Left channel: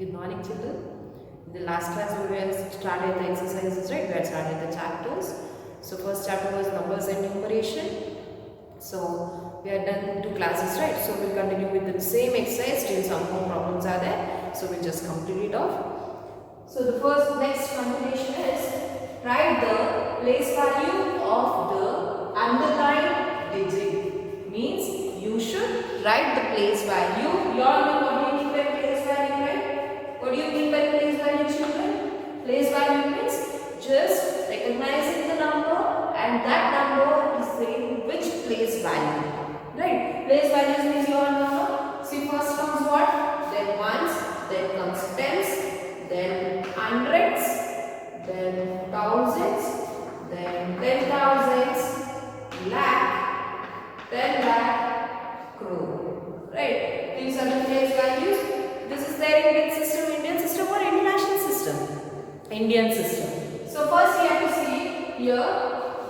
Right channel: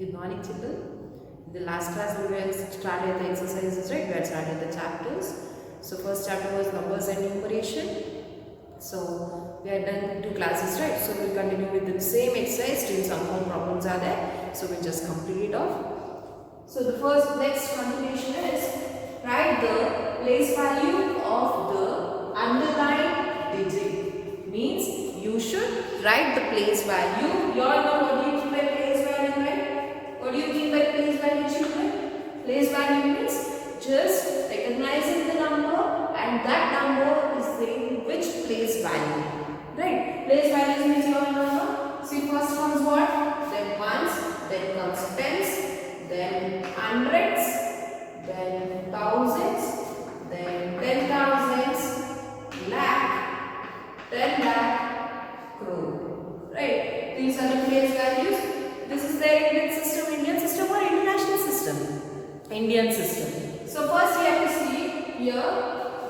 Good morning, children. In the last class, we were started the exercises, right? We had started the chapters. So first chapter was numbers and numeration. So we had done 2 classes, right? So we'll continue with the same exercise till some more problems are there. So we'll just complete it off. So the next continuation is write the place value of the underlined digit. Means you should write the place value. You all know what do you mean by place value, right? What do you mean by place value, children? Place value means just recognizing the number and that number is saying which place value. Right? Place values means you all know. See, first comes what? Then ones, then comes tens, then hundreds, then thousands, then 10,000s, lakh, 10 lakh, crore. Right? These are the place values. This is their Indian system. Indian system or international system? Indian system. So first you have to see here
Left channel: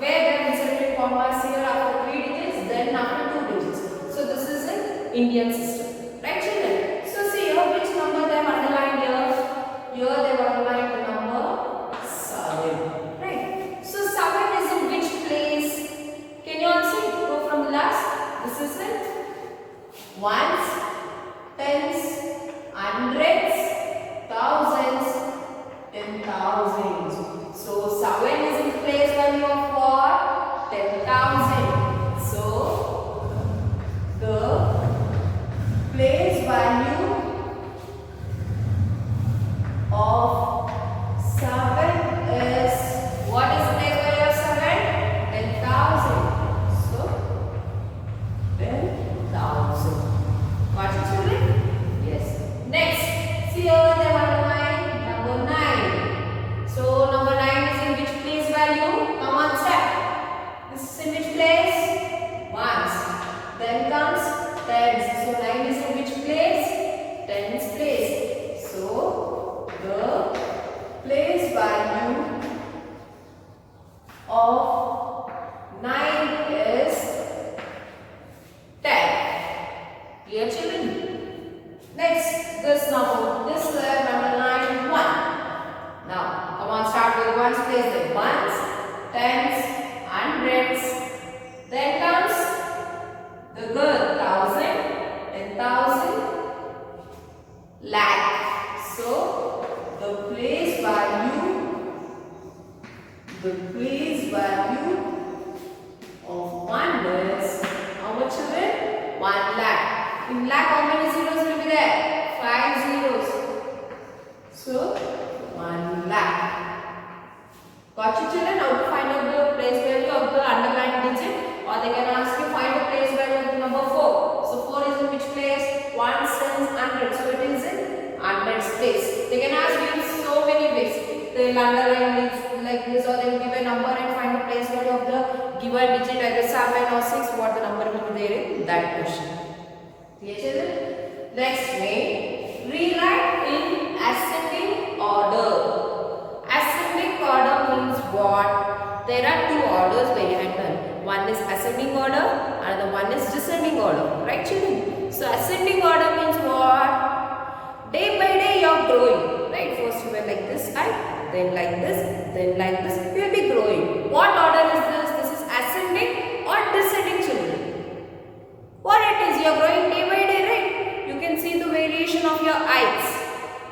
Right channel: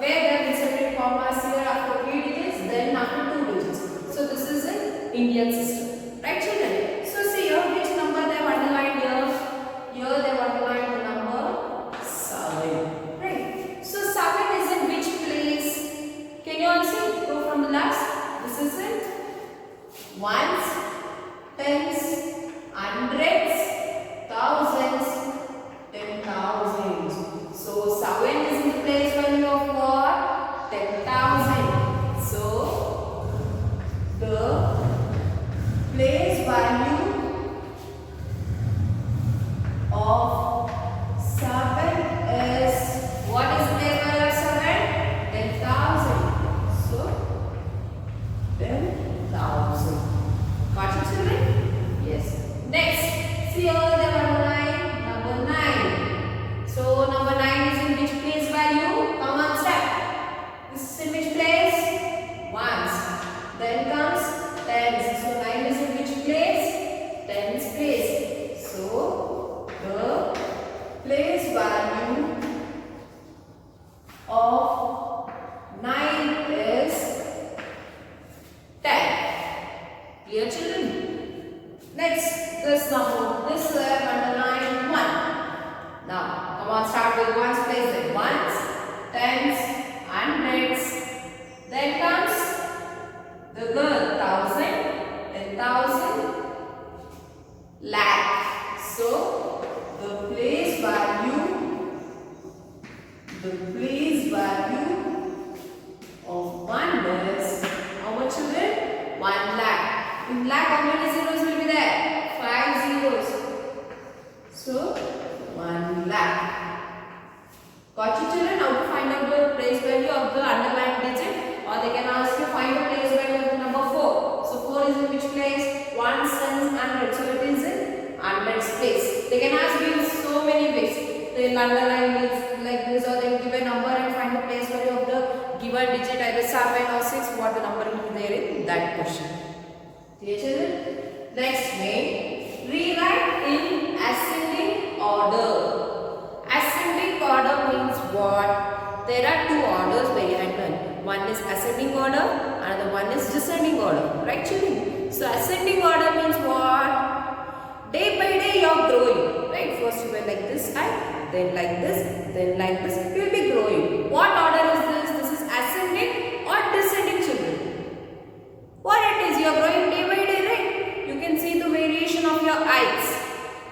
where they have inserted commas here after 3 digits, then after 2 digits. So this is an Indian system. Right, children? So see here which number they have underlined here. Here they have underlined the number 7. Right? So 7 is in which place? Can you answer? Go from the last. This is it. Ones, tens, hundreds, thousands, 10,000. So 7 is in place value of what? 10,000. So the place value of 7 is, what is the place value of 7? 10,000. So 10,000. Got it, children? Yes. Next, see here they have underlined number 9. So number 9 is in which place value? Come on, step. This is in which place? Ones. Then comes tens. So 9 is in which place? Tens place. So the place value of 9 is 10. Clear, children? Next, this number, this number 9, 1. Now, come on, start with ones, place it. Ones, tens, hundreds. Then comes the girl, 1,000, 10,000, lakh. So, the place value of 1 is, how much of it? 1 lakh. In lakh, how many zeros will be there? 5 zeros. So, 1 lakh. Got you, children? How to find out the place value of the underlined digit? Or they can ask you find the place value of the number 4. So 4 is in which place? 1, tens, hundred. So it is in hundreds place. They can ask you in so many ways. They will underline it like this, or they will give a number and find the place value of the given digit either 7 or 6. What the number will be there in that question. Clear, children? Next, rewrite in ascending order. Ascending order means what? There are 2 orders behind one. One is ascending order, another one is descending order. Right, children? So ascending order means what? Day by day you are growing. Right? First you were like this height, then like this, then like this. You will be growing. What order is this? This is ascending or descending, children? What it is? You are growing day by day, right? You can see the variation of your heights.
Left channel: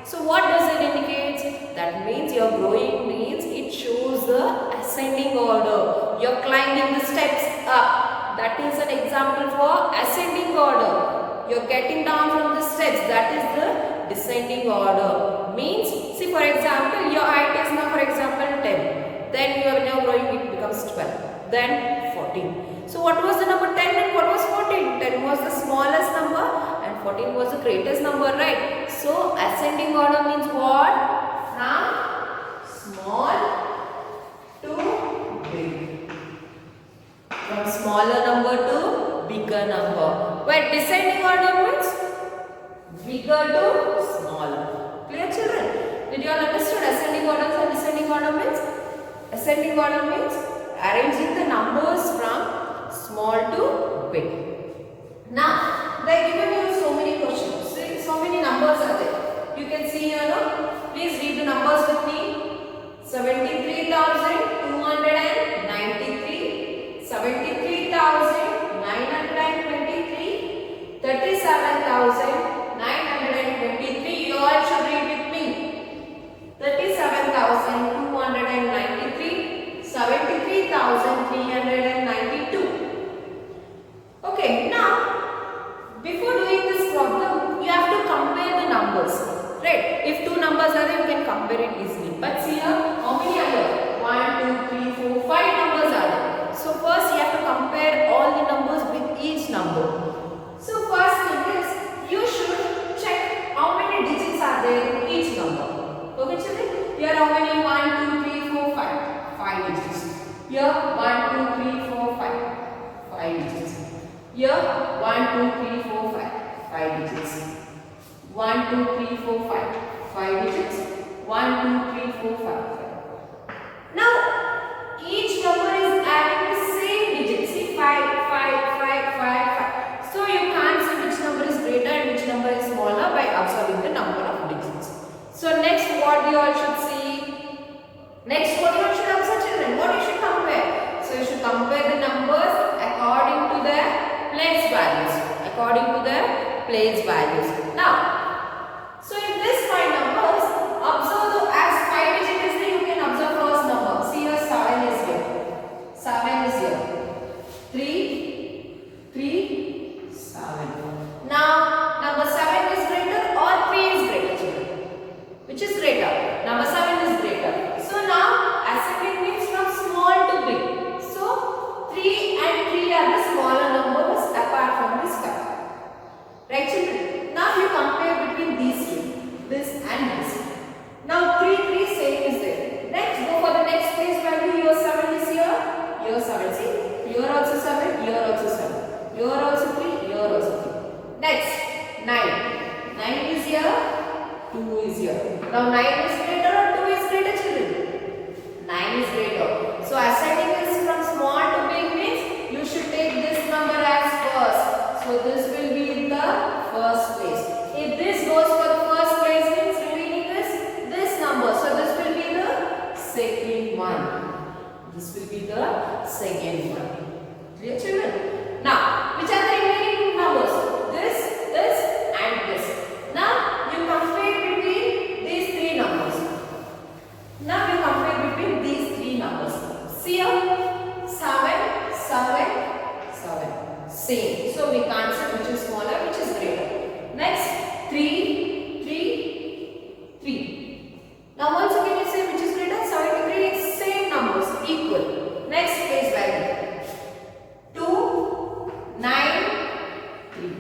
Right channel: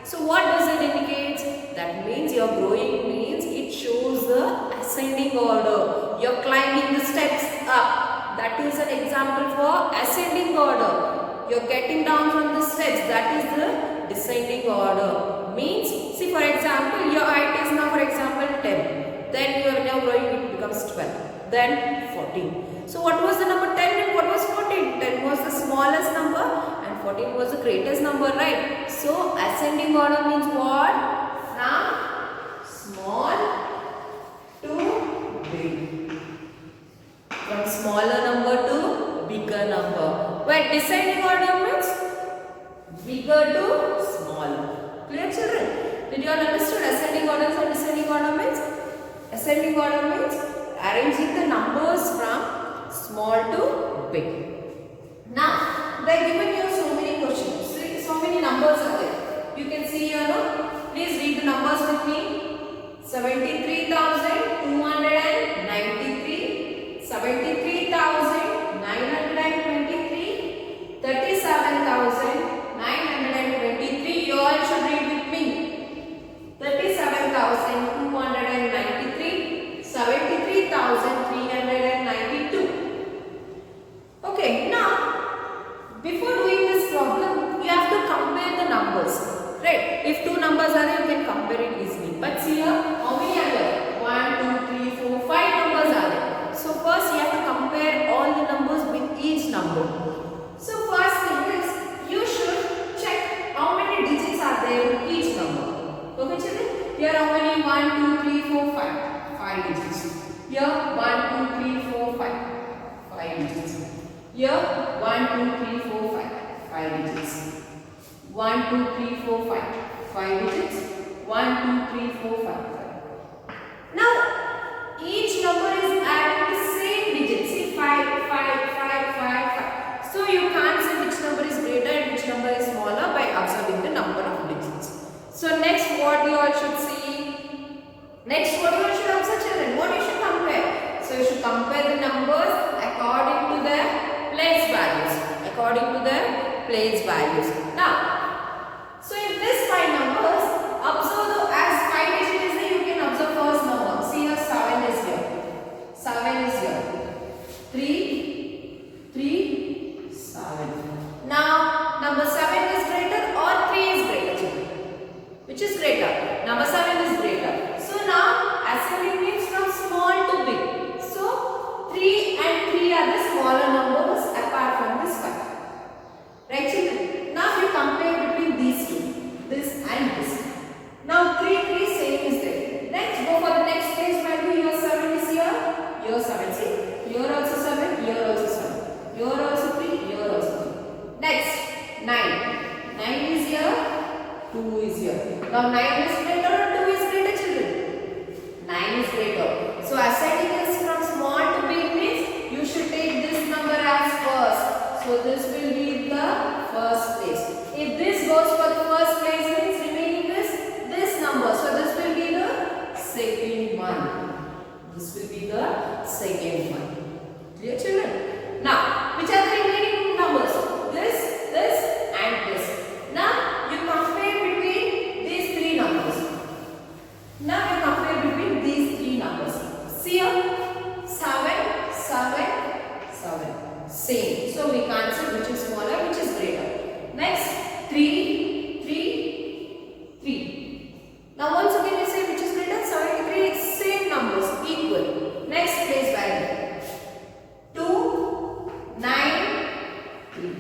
So what does it indicate? That means you are growing means it shows the ascending order. You are climbing the steps up. That is an example for ascending order. You are getting down from the steps. That is the descending order. Means, see for example, your height is now for example 10. Then you are now growing, it becomes 12. Then 14. So what was the number 10 and what was 14? 10 was the smallest number and 14 was the greatest number, right? So ascending order means what? From small to big. From smaller number to bigger number. Where descending order means bigger to smaller. Clear, children? Did you all understood ascending order and descending order means? Ascending order means arranging the numbers from small to big. Now, they are given you so many questions. So many numbers are there. You can see see here now. Please read the numbers with me. 73,293, 73,923, 37,923. You all should read with me. 37,293, 73,392. Okay, now before doing this problem, you have to compare the numbers. Right? If two numbers are there, you can compare it easily. But see here, how many are there? 1, 2, 3, 4, 5 numbers are there. So first you have to compare all the numbers with each number. So first thing is, you should check how many digits are there in each number. Okay children? Here how many? 1, 2, 3, 4, 5. 5 digits. Here 1, 2, 3, 4, 5. 5 digits. Here 1, 2, 3, 4, 5. 5 digits. 1, 2, 3, 4, 5. 5 digits. 1, 2, 3, 4, 5. 5. Now, each number is having the same digits. See, 5, 5, 5, 5, 5. So, you can't see which number is greater and which number is smaller by observing the number of digits. So, next what you all should see? Next what you all should observe children? What you should compare? So, you should compare the numbers according to their place values. According to their place values. Now, so in this 5 numbers, observe as 5 digits is there, you can observe first number. See here 7 is here. 7 is here. 3, 7. Now, number 7 is greater or 3 is greater children? Which is greater? Number 7 is greater. So now, ascending means from small to big. So, 3 and 3 are the smaller numbers apart from this 5. Right children? Now you compare between these two, this and this. Now 3, 3 same is there. Next go for the next place value. Here 7 is here. Here 7. See? Here also 7. Here also 7. Here also 3. Here also 3. Next 9. 9 is here. 2 is here. Now 9 is greater or 2 is greater children? 9 is greater. So ascending is from small to big means you should take this number as first. So this will be the first place. If this goes for the first place means remaining is this number. So this will be the second one. This will be the second one. Clear children? Now, which are the remaining numbers? This and this. Now, you compare between these 3 numbers. Now, you compare between these 3 numbers. See here? 7, 7, 7. Same. So we can't say which is smaller, which is greater. Next, 3, 3, 3. Now once again we say which is greater. 73 is same numbers, equal. Next place value. 2, 9, 3.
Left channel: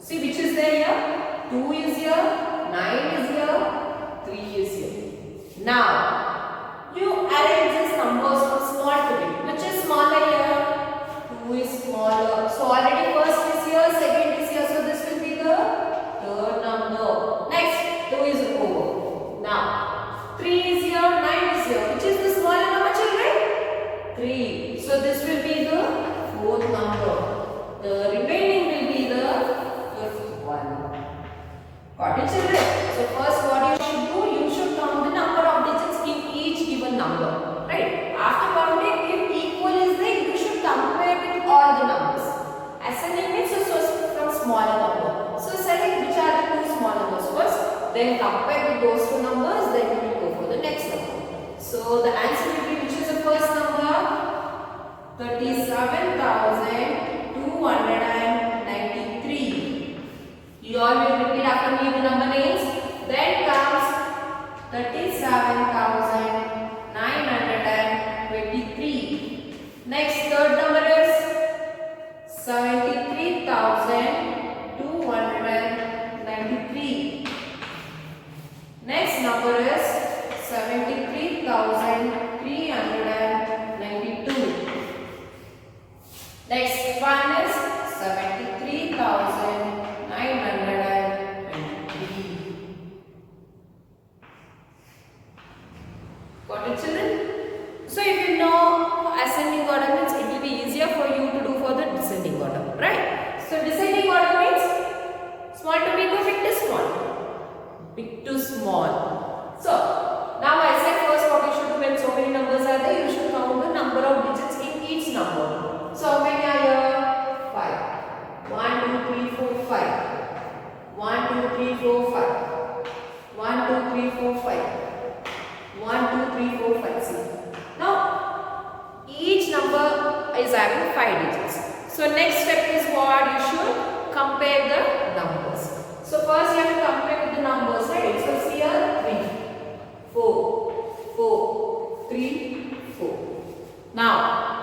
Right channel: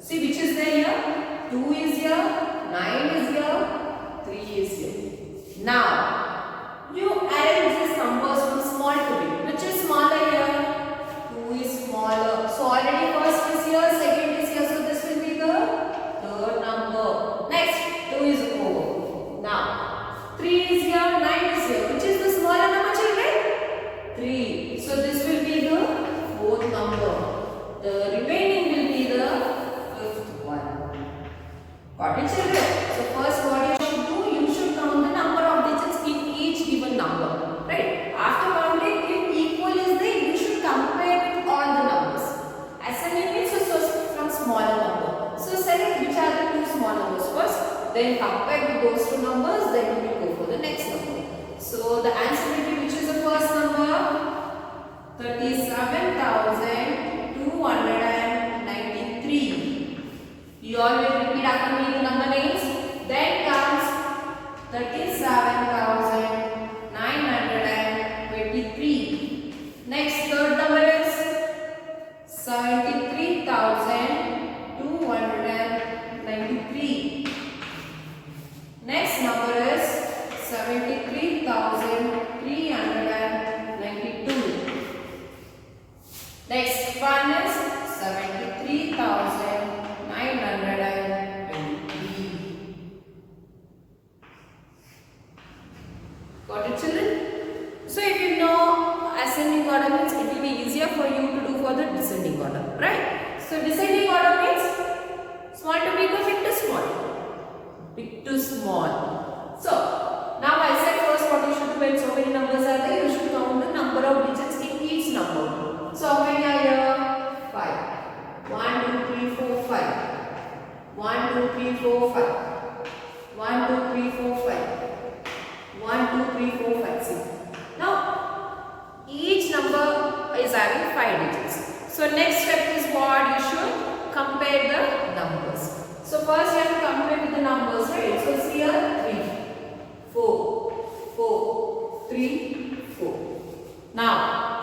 See which is there here? 2 is here, 9 is here, 3 is here. Now, you arrange these numbers from small to big. Which is smaller here? 2 is smaller. So already first is here, second is here. So this will be the third number. Next, 2 is over. Now, 3 is here, 9 is here. Which is the smaller number children? 3. So this will be the fourth number. The remaining will be the fifth one. Got it children? So first what you should do? You should count the number of digits in each given number. Right? After counting, if equal is there, you should compare with all the numbers. Ascending means from smaller number. So select which are the 2 small numbers first, then compare with those 2 numbers, then we will go for the next number. So the answer will be which is the first number? 37,293. You all will repeat after me the number names. Then comes 37,923. Next third number is 73,293. Next number is 73,392. Next one is 73,923. Got it children? So if you know ascending order means it will be easier for you to do for the descending order, right? So descending order means small to big or big to small. big to small. So now I said first what you should do when so many numbers are there, you should count the number of digits in each number. So how many are here? 5. 1, 2, 3, 4, 5. 1, 2, 3, 4, 5. 1, 2, 3, 4, 5. 1, 2, 3, 4, 5. See. Now each number is having 5 digits. So next step is what? You should compare the numbers. So first you have to compare with the numbers, right? So see here 3, 4, 4, 3, 4. Now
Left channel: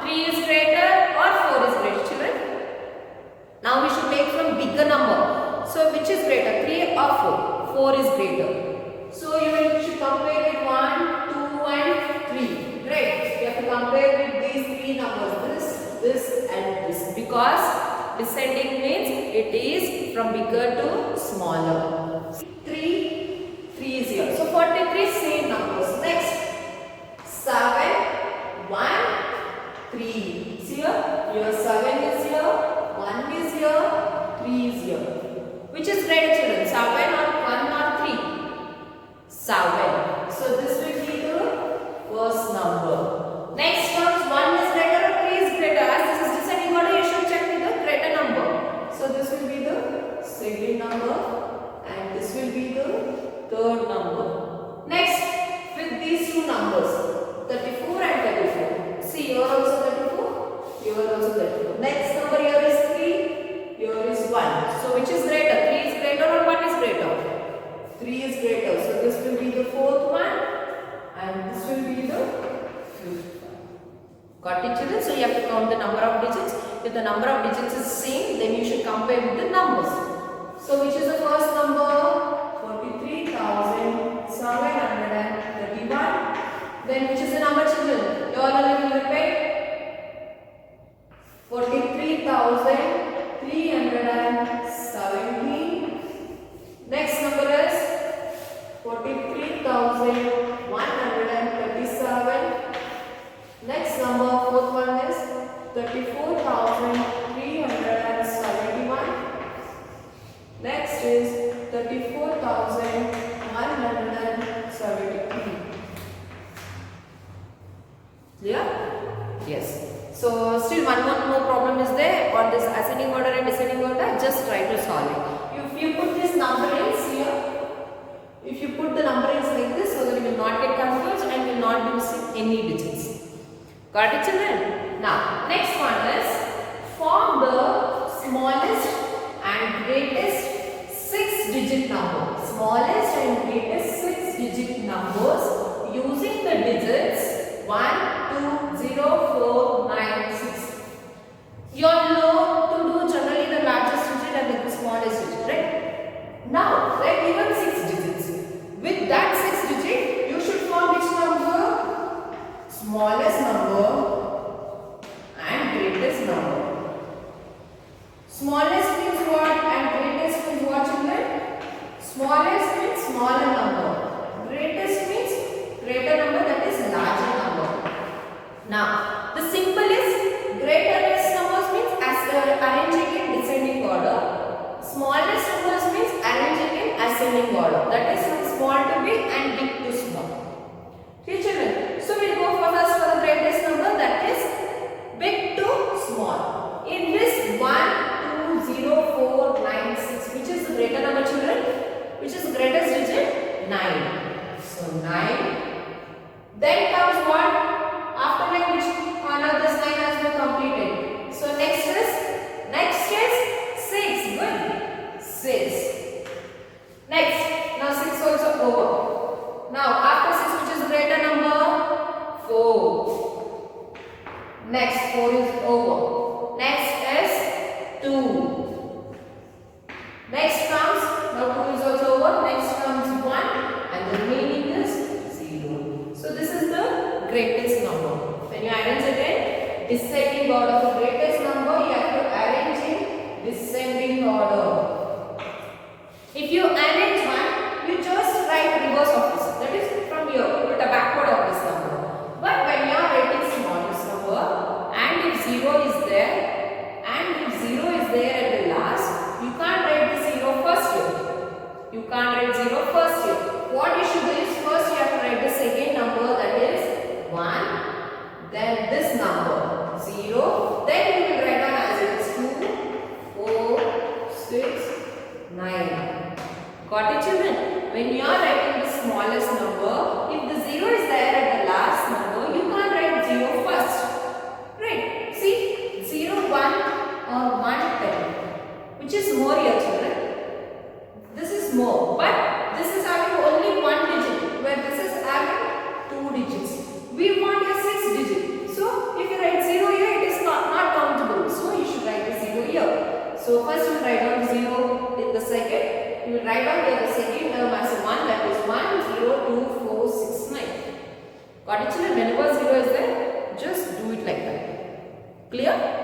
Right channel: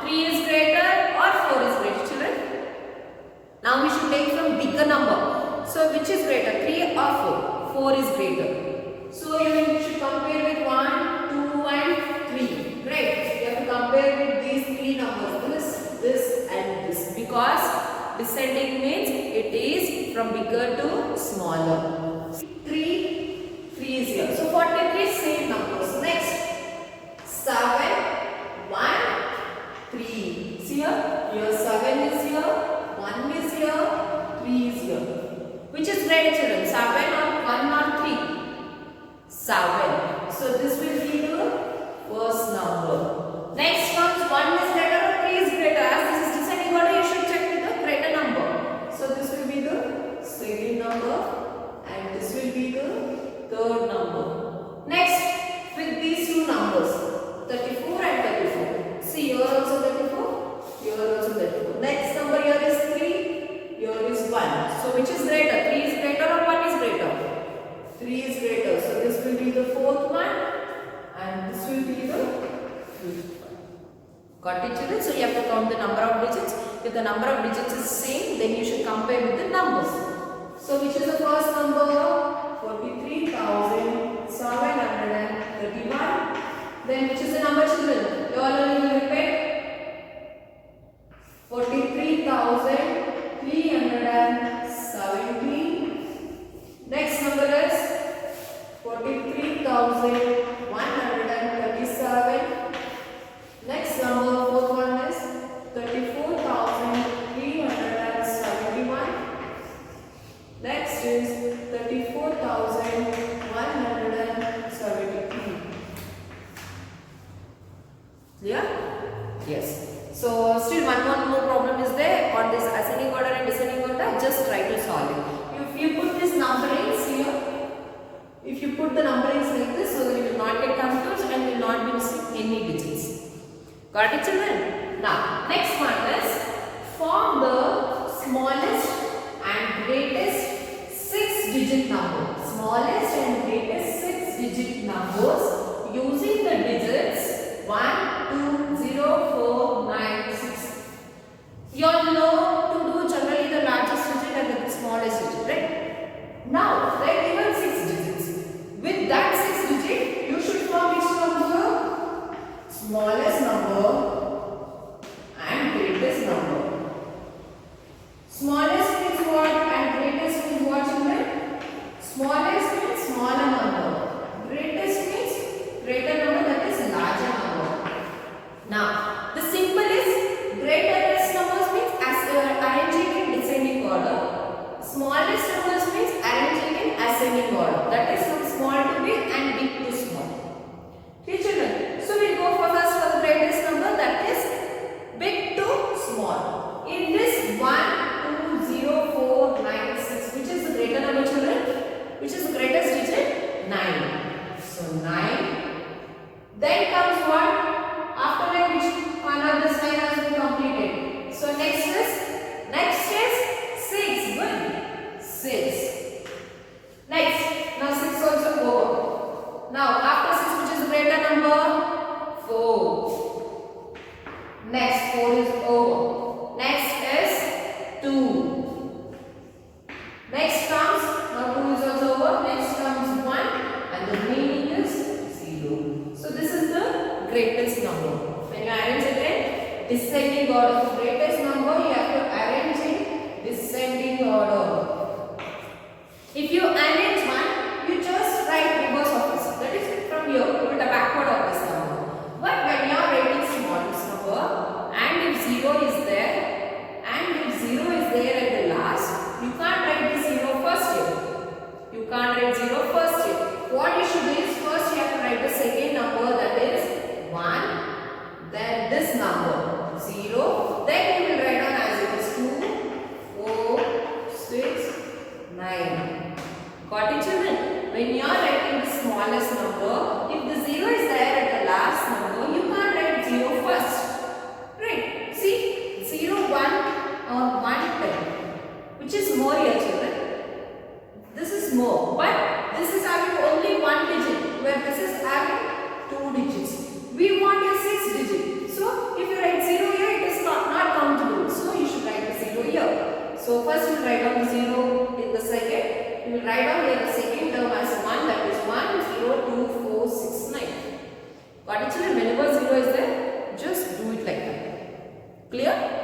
3 is greater or 4 is greater, children? Now we should take from bigger number. So which is greater, 3 or 4? 4 is greater. So you should compare with 1, 2 and 3. Right? You have to compare with these 3 numbers. This and this. Because descending means it is from bigger to smaller. 3 is here. So 43 same numbers. Next 7, 1, 3. See here 7 is here, 1 is here, 3 is here. Which is greater, children? 7 or 1 or 3? 7. So this will be the first number. Next comes 1 is greater or 3 is greater. As this is descending order, you should check with the greater number. So this will be the second number and this will be the third number. Next, with these two numbers, 34 and 34. See, here also 34, here also 34. Next number here is 3, here is 1. So which is greater? 3 is greater or 1 is greater? 3 is greater. So this will be the fourth one and this will be the fifth one. Got it, children? So you have to count the number of digits. If the number of digits is same, then you should compare with the numbers. So which is the first number? 43,731. Then which is the number, children? You all will repeat. 43,317. Next number is 43,137. Next number, fourth one is 34,371. Next is 34,173. Yeah? Yes. So still one more problem is there on this ascending order and descending order. Just try to solve it. If you put this numberings here, if you put the numberings like this, so that you will not get confused and will not be missing any digits. Got it, children? Now, next one is form the smallest and greatest 6-digit number. Smallest and greatest 6-digit numbers using the digits 1, 2, 0, 4, 9, 6. You all know to do generally the largest digit and the smallest digit, right? Now, they are given 6 digits. With that 6 digit, you should form which number? Smallest number and greatest number. Smallest means what and greatest means what, children? Smallest means smaller number. Greatest means greater number, that is larger number. Now, the symbol is greatest numbers means as arranging in descending order. Smallest numbers means arranging in ascending order. That is from small to big and big to small. Okay, children. So we will go first for the greatest number, that is big to small. In this 1, 2, 0, 4, 9, 6, which is the greater number, children? Which is the greatest digit? 9. So 9. Then comes what? After 9, which another this 9 has been completed. So next is 6. Good. 6. Next. Now 6 also over. Now after 6, which is greater number? 4. Next 4 is over. Next is 2. Next comes, now 2 is also over. Next comes 1 and the remaining is 0. So this is the greatest number. When you arrange again, descending order, the greatest number you have to arrange in descending order. If you arrange 1, you just write reverse of this. That is from here, put the backward of this number. But when you are writing smallest number and if 0 is there at the last, you can't write the 0 first here. You can't write 0 your first here. What you should do is first you have to write the second number, that is 1. Then this number 0. Then you will write down as it is 2, 4, 6, 9. Got it, children? When you are writing the smallest number, if the 0 is there at the last number, you can't write 0 first. Right? See, 0, 1 or 1, 10. Which is more here, children? This is more. But this is having only 1 digit, where this is having 2 digits. We want a 6 digit. So, if you write 0 here, it is not countable. So, you should write the 0 here. So, first you write down 0 in the second. You will write down here the second term as 1, that is 1, 0, 2, 4, 6, 9. Got it, children? Whenever 0 is there, just do it like that. Clear?